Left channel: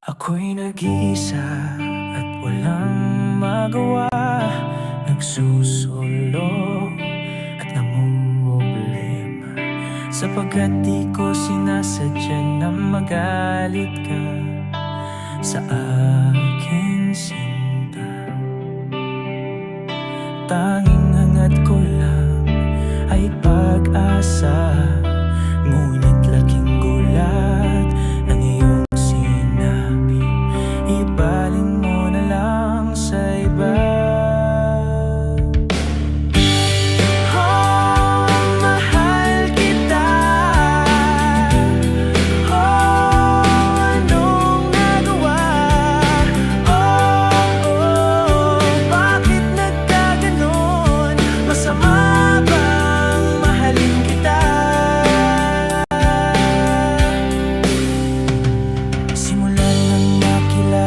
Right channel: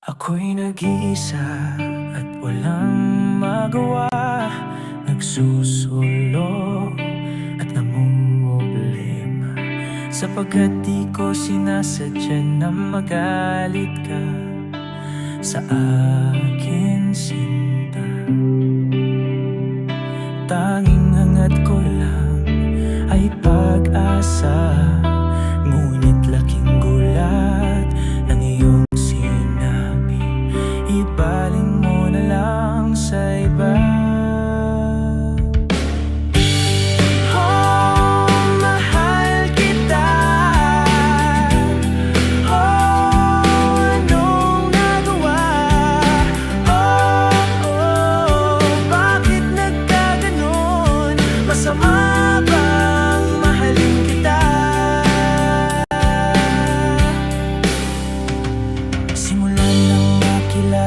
Ako'y nag-iisa at walang magawa. Nagsusulo at namumblema Sapagkat di ko sinasadya na magalit ka Sa akin sinta. Tanging hangat ko lang ay pag-asa Ngunit laking gulat Ibaling mo na lang sa iba. Oh,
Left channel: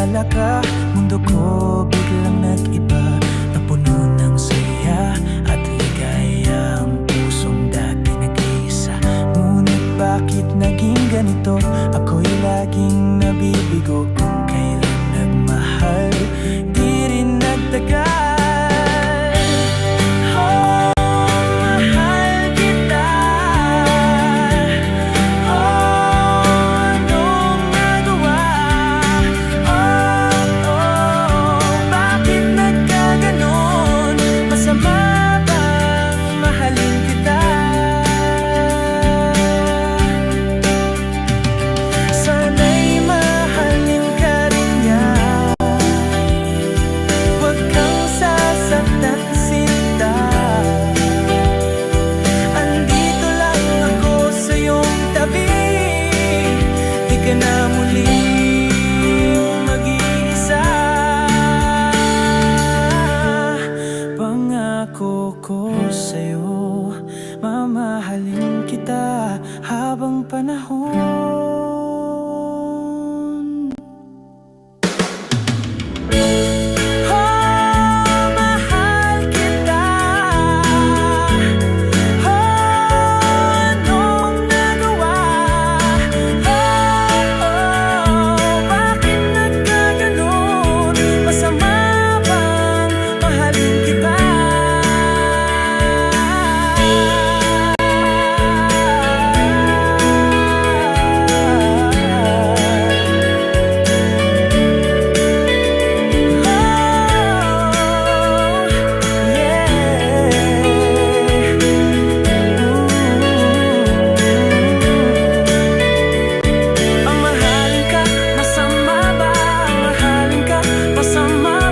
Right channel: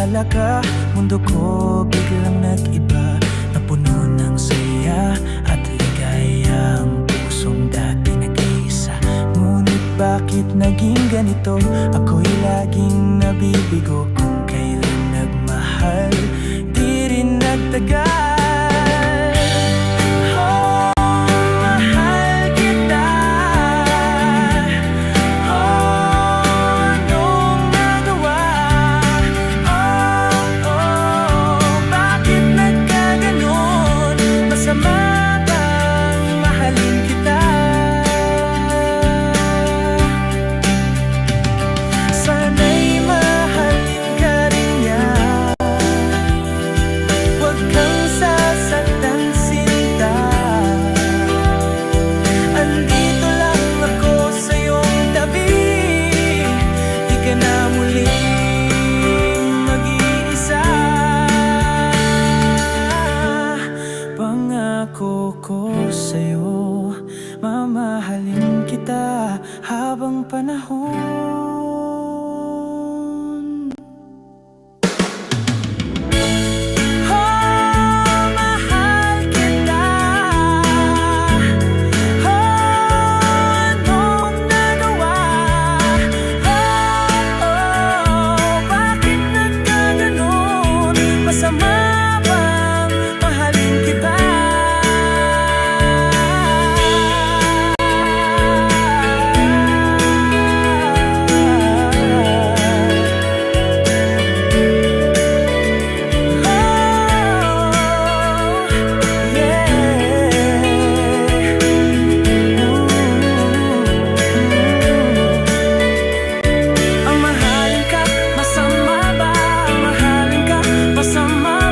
makilala ka Mundo ko biglang nag-iba. Napuno ng saya at ligaya Ang pusong dati nag-iisa. Ngunit bakit naging ganito? Ako'y laging nabibigo Kung kailan nagmahal. Di rin nagtagal Masama bang mahalin kita? Sana'y mahalin ka rin niya. Huwag kang sasaktan sinta. Andito lang ako sa iyong tabi. Di ka na muling mag-iisa Pangako ko sa'yo Mamahalin kita habang panahon summer.